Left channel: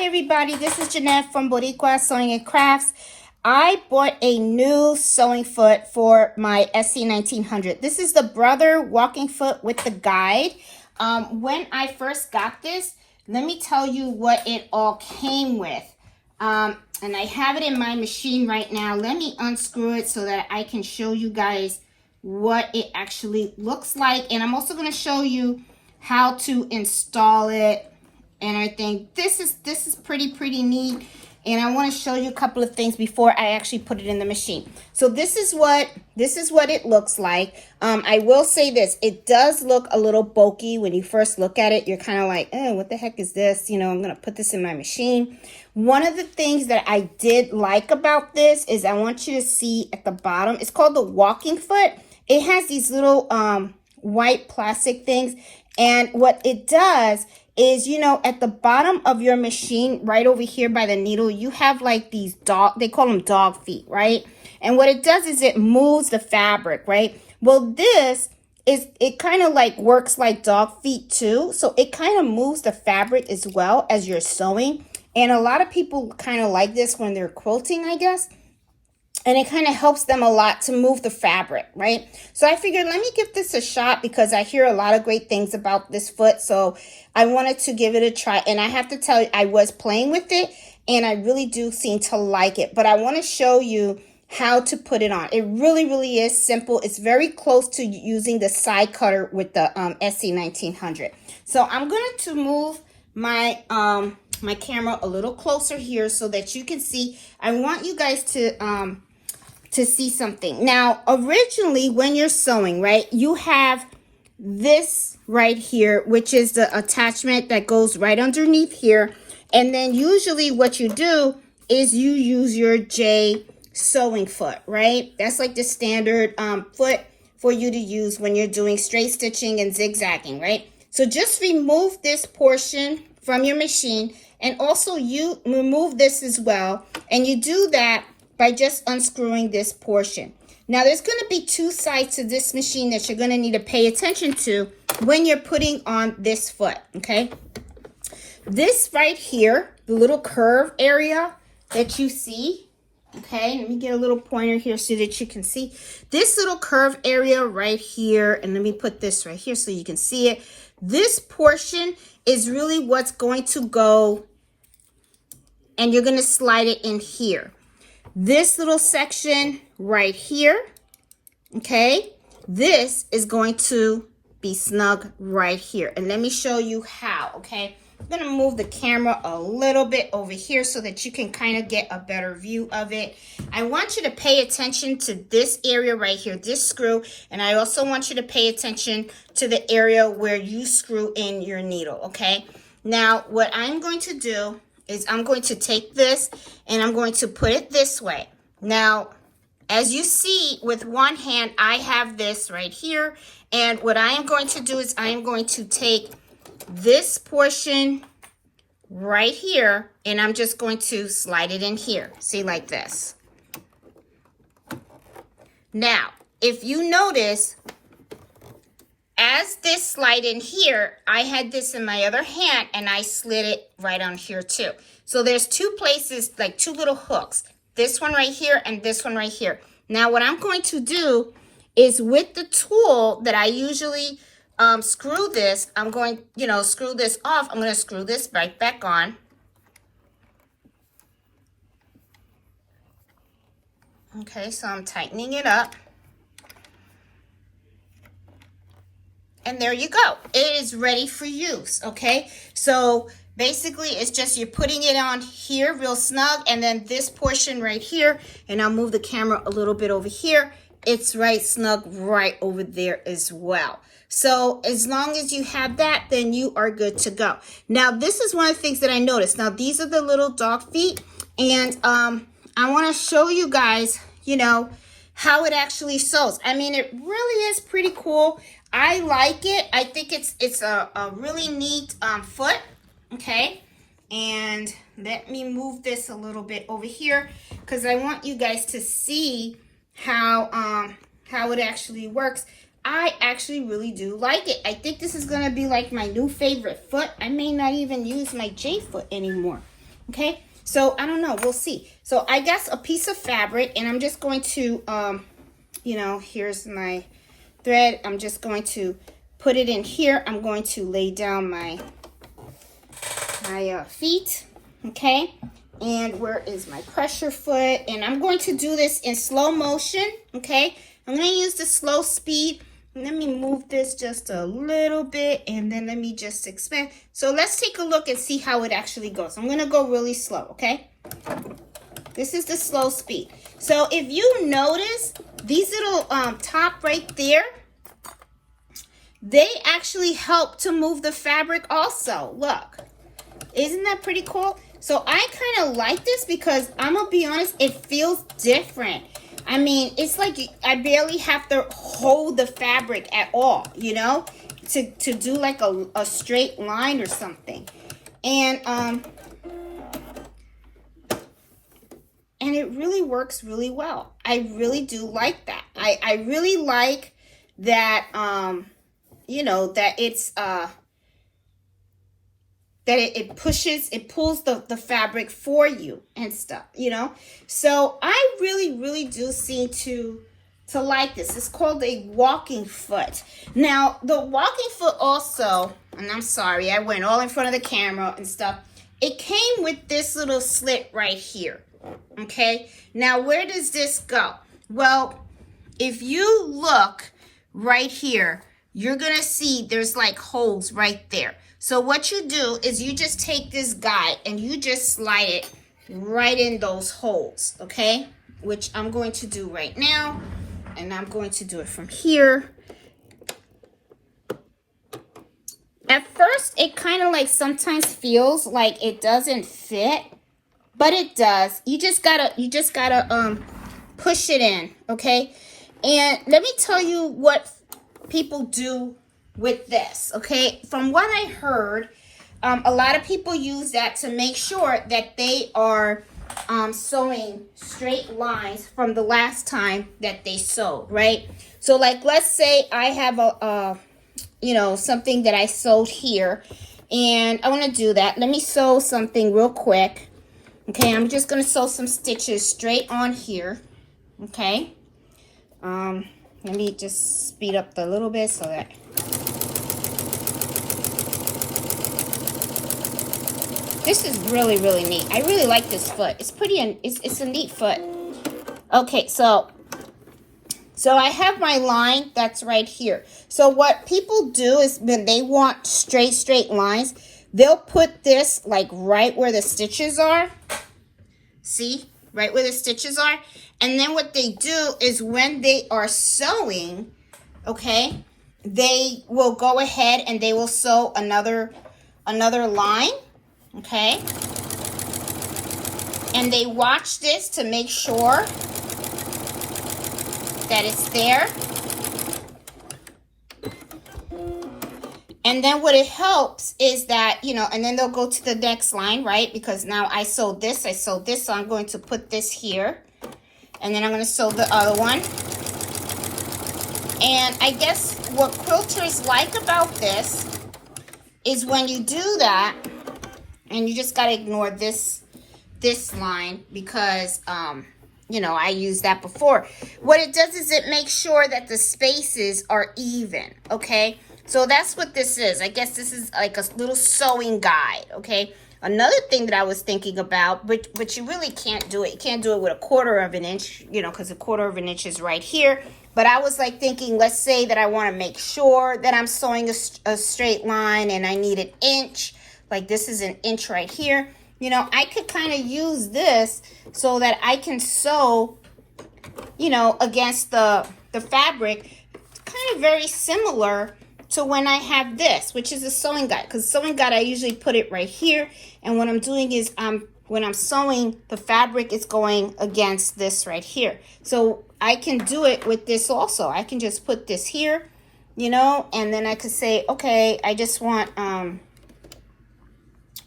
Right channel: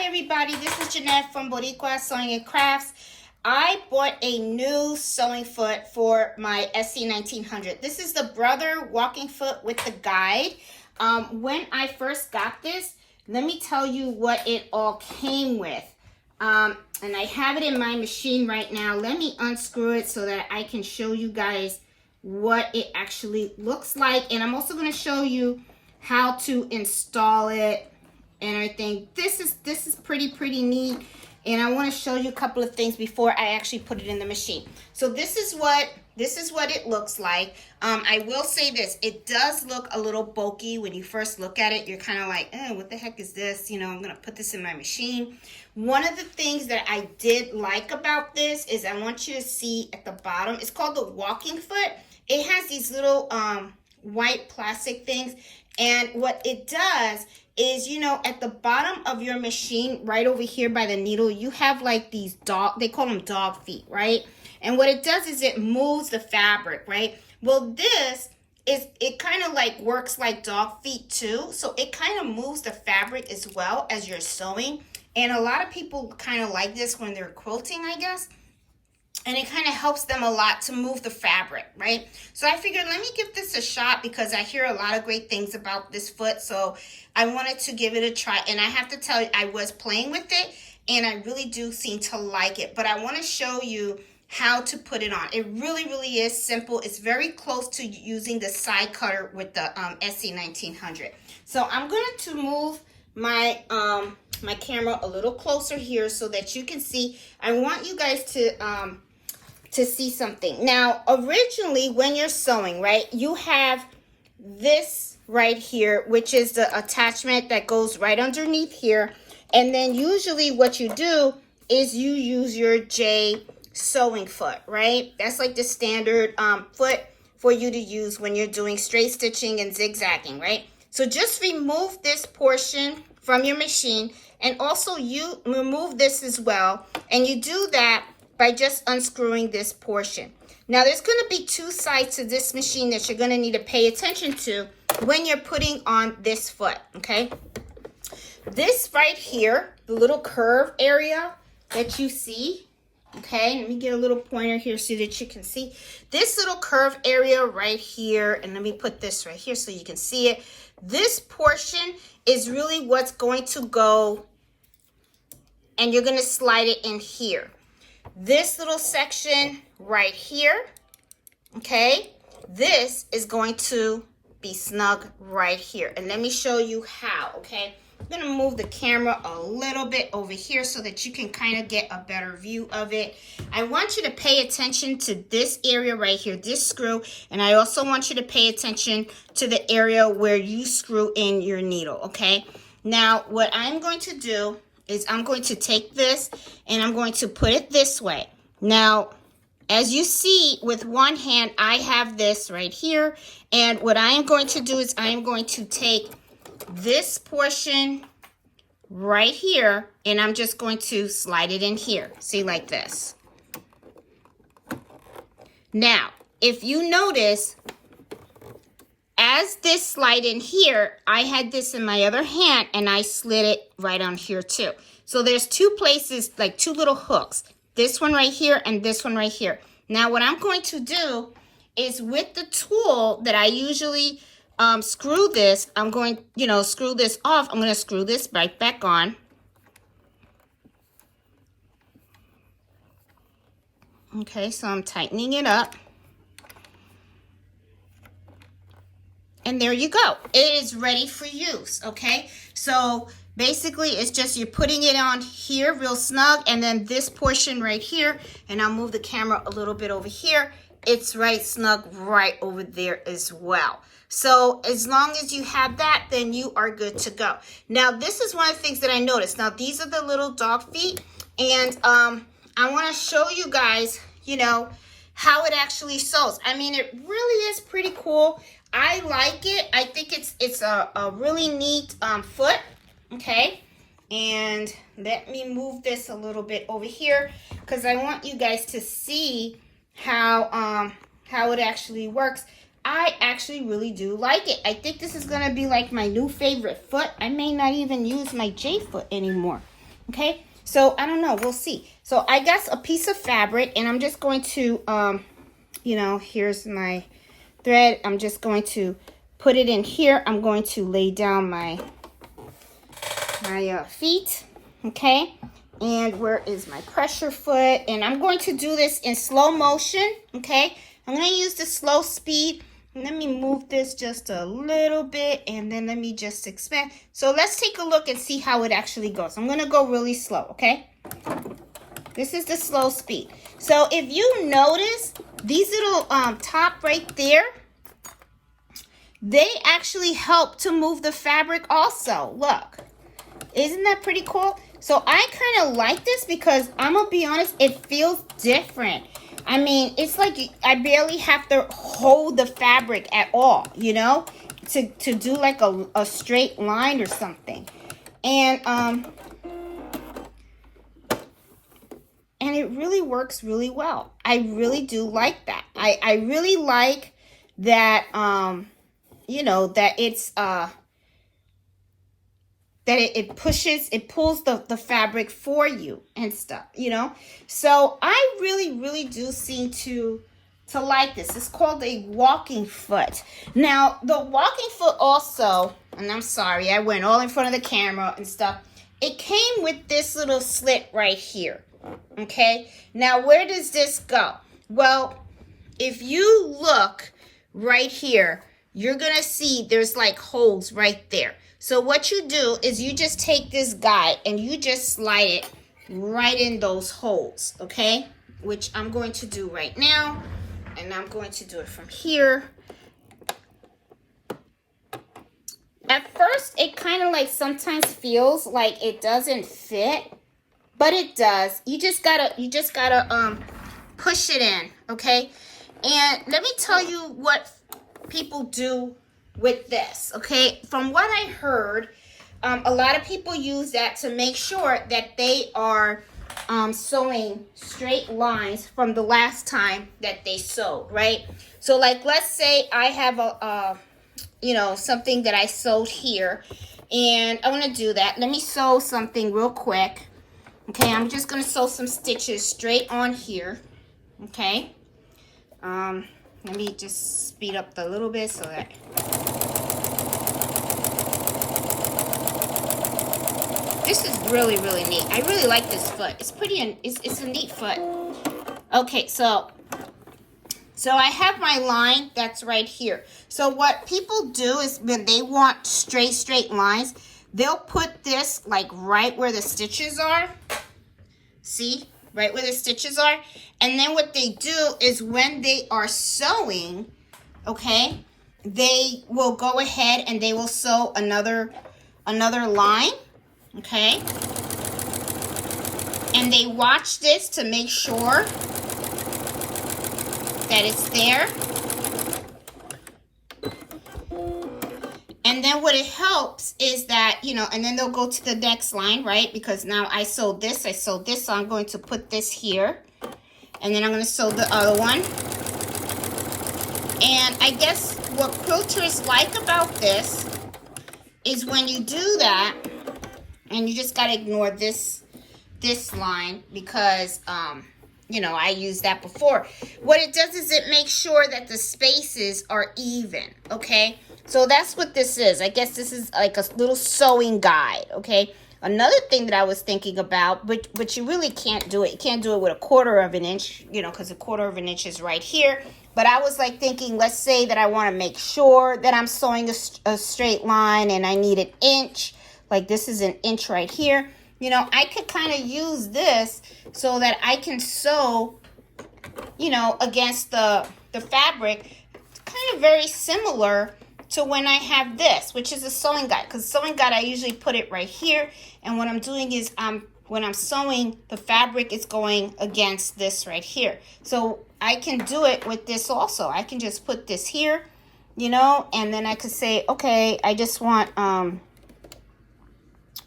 Hi everybody, this is Jeanette from Boricua Sewing and Crafts. I bought a new sewing foot for my SE1900. This is the brother walking foot with the guide. When I first got this, let me tell you what it all came with. And I have it in my machine right now. Let me unscrew it so that I can show you guys what it actually looks like. And I'm also going to show you how to install it. And I think this is pretty neat, and I want to show you a couple of things before I actually put it in the machine. So this is what it looks like. I will say this, it does look a little bulky when you first look at it. You're kind of like, oh, what the heck is this? You know, I'm gonna put this in my machine. One of the things that I did like about this is I want you to see at the bottom, it's called the walking foot. It has these little white plastic things, and what it does is, you know, at the bottom of your machine, right over here by the needle, you have like these they call them dog feet, right? And what it does is it moves the fabric, right? Well, it kind of like works like dog feet too. So it kind of moves the fabric as well as you're sewing. And a lot of people kind of like this when they're quilting, I guess. And it kind of helps them a lot to move the fabric, right? So I figured, let me give this a shot because I hear a lot of great things about this foot. So I wanted to give it a try. And I have to tell you, I was playing with it and I really do seem to like it. But I want to show you how to put it on. It really is simple. It's very close to using the side cutter with the SE1900. So I'm going to move my my camera a little closer here so that you can see. I want you guys to see something. Now, originally when you're sewing, right, you have this right here, which is the attachment that goes right underneath here. And then usually what you do is you use your J sewing foot, right? That's like the standard foot for you to use when you're doing straight stitching and zigzagging, right? So just remove this portion from your machine, and also you remove this as well. And you do that by just unscrewing this portion. Now there's going to be two sides to this machine that you're going to need to pay attention to when you're putting on this foot, okay? This right here, the little curve area that you see, okay? Let me get a little pointer here so that you can see. This little curve area right here, and let me put this right here so you can see it. This portion is really what's going to go, and you're going to slide it in here. This little section right here, okay, this is going to be snug right here. And let me show you how, okay? I'm going to move the camera a little bit over here so that you can kind of get a better view of it. I want you to pay attention to this area right here, this screw, and I also want you to pay attention to the area where you screw in your needle, okay? Now, what I'm going to do is I'm going to take this and I'm going to put it this way. Now, as you see with one hand, I have this right here. And what I am going to do is I am going to take this portion right here and I'm just going to slide it in here. See, like this. Now, if you notice, as this slide in here, I had this in my other hand and I slid it right on here too. So there's two places, like two little hooks. This one right here and this one right here. Now what I'm going to do is with the tool that I usually screw this, I'm going, you know, screw this off. I'm going to screw this right back on. Okay, so I'm tightening it up. And there you go. It is ready for use, okay? So basically, it's just you're putting it on here real snug, and then this portion right here, and I'll move the camera a little bit over here. It's right snug right over there as well. So as long as you have that, then you are good to go. Now, this is one of the things that I noticed. Now, these are the little dog feet, and I want to show you guys, you know, how it actually sews. I mean, it really is pretty cool. I like it. I think it's a really neat foot, okay? And let me move this a little bit over here because I want you guys to see how it actually works. I actually really do like it. I think this is going to be like my new favorite foot. I may not even use my J foot anymore. Okay, so I don't know, we'll see. So I got a piece of fabric, and I'm just going to, you know, here's my thread. I'm just going to put it in here. I'm going to lay down my feet, okay? And where is my pressure foot? And I'm going to do this in slow motion, okay? I'm going to use the slow speed. Let me move this just a little bit, and then let me just expand. So let's take a look and see how it actually goes. I'm going to go really slow, okay? This is the slow speed. So if you notice, these little top right there, they actually help to move the fabric also. Look, isn't that pretty cool? So I kind of like this because I'm going to be honest, it feels different. I mean, it's like I barely have to hold the fabric at all, you know, to do like a straight line or something. And it really works really well. I really do like that. I really like that, you know, that it's, that it pulls the fabric for you and stuff, you know. So I really do seem to like this. It's called a walking foot. Now the walking foot also, and I'm sorry, I went all in front of the camera and stuff. It came with this little slit right here, okay? Now where does this go? Well, if you look right here, you're gonna see there's like holes right there. So what you do is you just take this guide and you just slide it right in those holes, okay? Which I'm going to do right now. And I'm going to do it from here. At first, it kind of like sometimes feels like it doesn't fit, but it does. You just gotta push it in, okay? And let me tell you what people do with this, okay? From what I heard, a lot of people use that to make sure that they are sewing straight lines from the last time that they sewed, right? So like, let's say I have a you know, something that I sewed here, and I want to do that. Let me sew something real quick. Okay, I'm just going to sew some stitches straight on here, okay? Let me just speed up a little bit so that this is really neat. I really like this foot. It's pretty, it's a neat foot. Okay, so I have my line that's right here. So what people do is when they want straight lines, they'll put this like right where the stitches are. See? Right where the stitches are. And then what they do is when they are sewing, okay, they will go ahead and they will sew another line, okay? And they watch this to make sure that it's there. And then what it helps is that, you know, and then they'll go to the next line, right? Because now I sewed this, so I'm going to put this here. And then I'm going to sew the other one. And I guess what quilters like about this is when you do that, and you just got to ignore this line because, you know, I used that before. What it does is it makes sure that the spaces are even, okay? So that's what this is. I guess this is like a little sewing guide, okay? Another thing that I was thinking about, but you really can't do it. You can't do it with 1/4 of an inch, you know, because 1/4 of an inch is right here. But I was like thinking, let's say that I want to make sure that I'm sewing a straight line and I need an inch. Like this is an inch right here. You know, I could kind of use this so that I can sew, you know, against the fabric. Kind of very similar to when I have this, which is a sewing guide. Because sewing guide, I usually put it right here. And what I'm doing is when I'm sewing the fabric, it's going against this right here. So I can do it with this also. I can just put this here, you know, and then I could say, okay, I just want,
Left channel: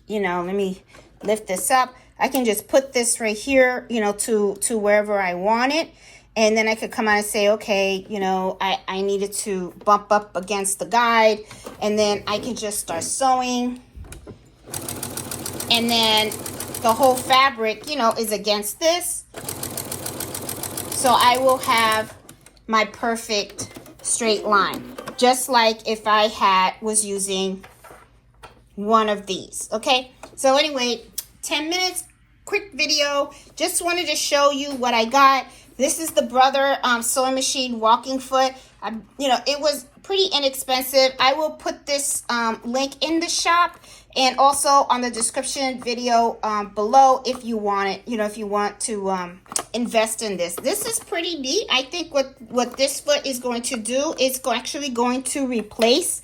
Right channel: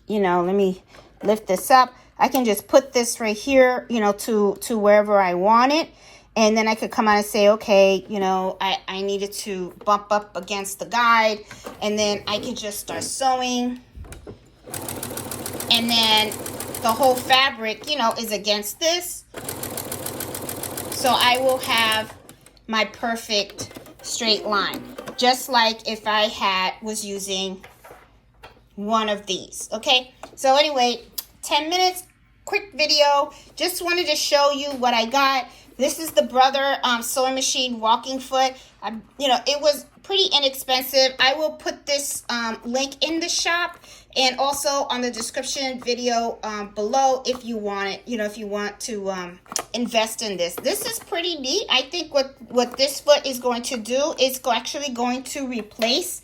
you know, let me lift this up. I can just put this right here, you know, to wherever I want it. And then I could come out and say, okay, you know, I needed to bump up against the guide. And then I can just start sewing. And then the whole fabric, you know, is against this. So I will have my perfect straight line, just like if I was using one of these. Okay, so anyway, 10 minutes, quick video. Just wanted to show you what I got. This is the Brother sewing machine walking foot. You know, it was pretty inexpensive. I will put this link in the shop and also on the description video below if you want it, you know, if you want to invest in this. This is pretty neat. I think what this foot is going to do is actually going to replace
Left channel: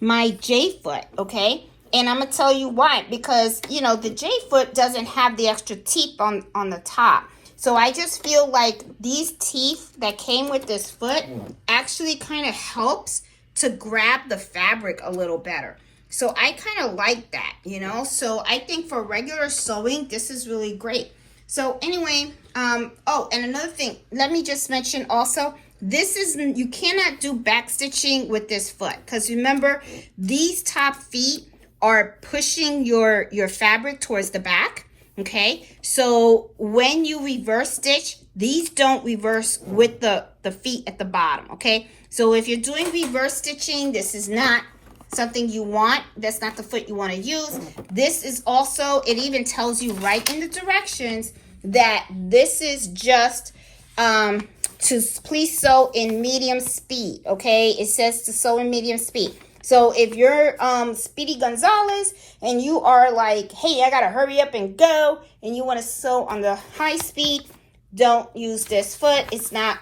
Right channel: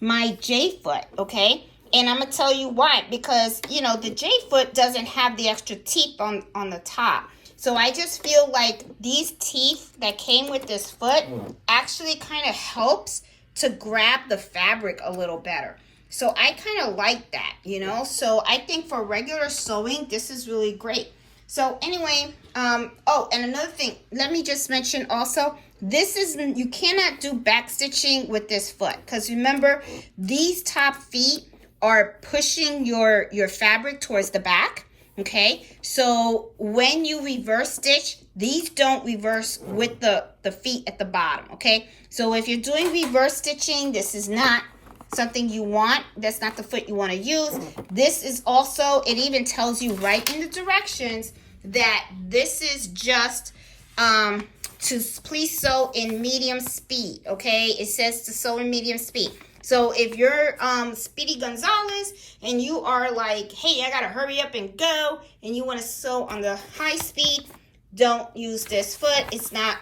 my J foot, okay? And I'm gonna tell you why. Because, you know, the J foot doesn't have the extra teeth on the top. So I just feel like these teeth that came with this foot actually kind of helps to grab the fabric a little better. So I kind of like that, you know? So I think for regular sewing, this is really great. So anyway, oh, and another thing, let me just mention also, you cannot do back stitching with this foot. Because remember, these top feet are pushing your fabric towards the back. Okay, so when you reverse stitch, these don't reverse with the feet at the bottom. Okay, so if you're doing reverse stitching, this is not something you want. That's not the foot you want to use. This is also, it even tells you right in the directions that this is just to please sew in medium speed. Okay, it says to sew in medium speed. So if you're Speedy Gonzalez and you are like, hey, I gotta hurry up and go, and you want to sew on the high speed, don't use this foot. It's not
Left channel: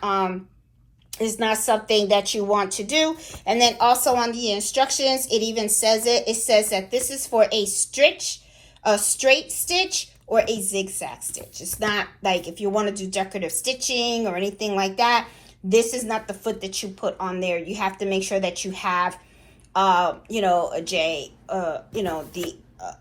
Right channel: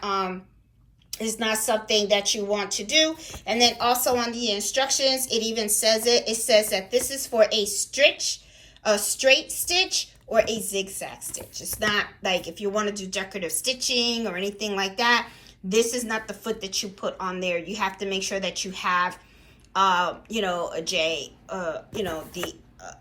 something that you want to do. And then also on the instructions, it even says it. It says that this is for a straight stitch or a zigzag stitch. It's not like if you want to do decorative stitching or anything like that. This is not the foot that you put on there. You have to make sure that you have you know, a J, you know,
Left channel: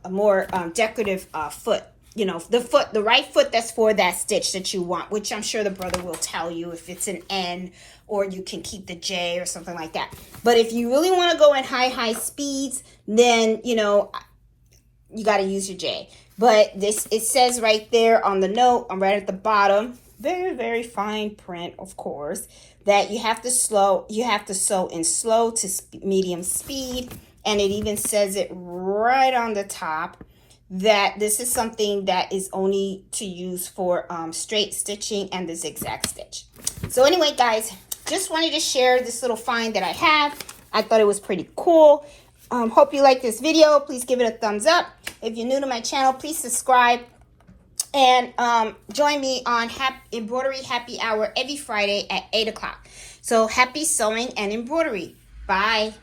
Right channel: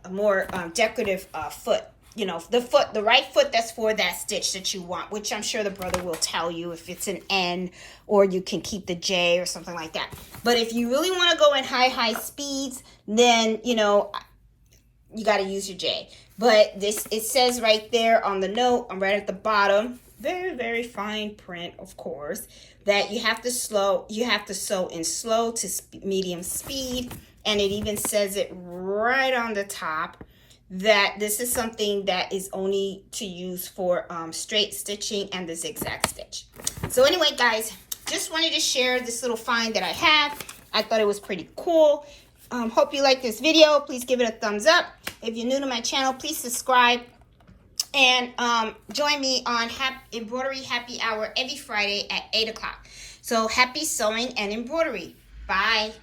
a more decorative foot, you know, the right foot that's for that stitch that you want, which I'm sure the brother will tell you if it's an N, or you can keep the J or something like that. But if you really want to go in high speeds, then, you know, you got to use your J. But it says right there on the note, right at the bottom, very, very fine print, of course, that you have to sew in slow to medium speed. And it even says it right on the top that this is something that is only to use for straight stitching and the zigzag stitch. So anyway, guys, just wanted to share this little find that I have. I thought it was pretty cool. Hope you like this video. Please give it a thumbs up. If you're new to my channel, please subscribe. And join me on Embroidery Happy Hour every Friday at 8 o'clock. So happy sewing and embroidery. Bye.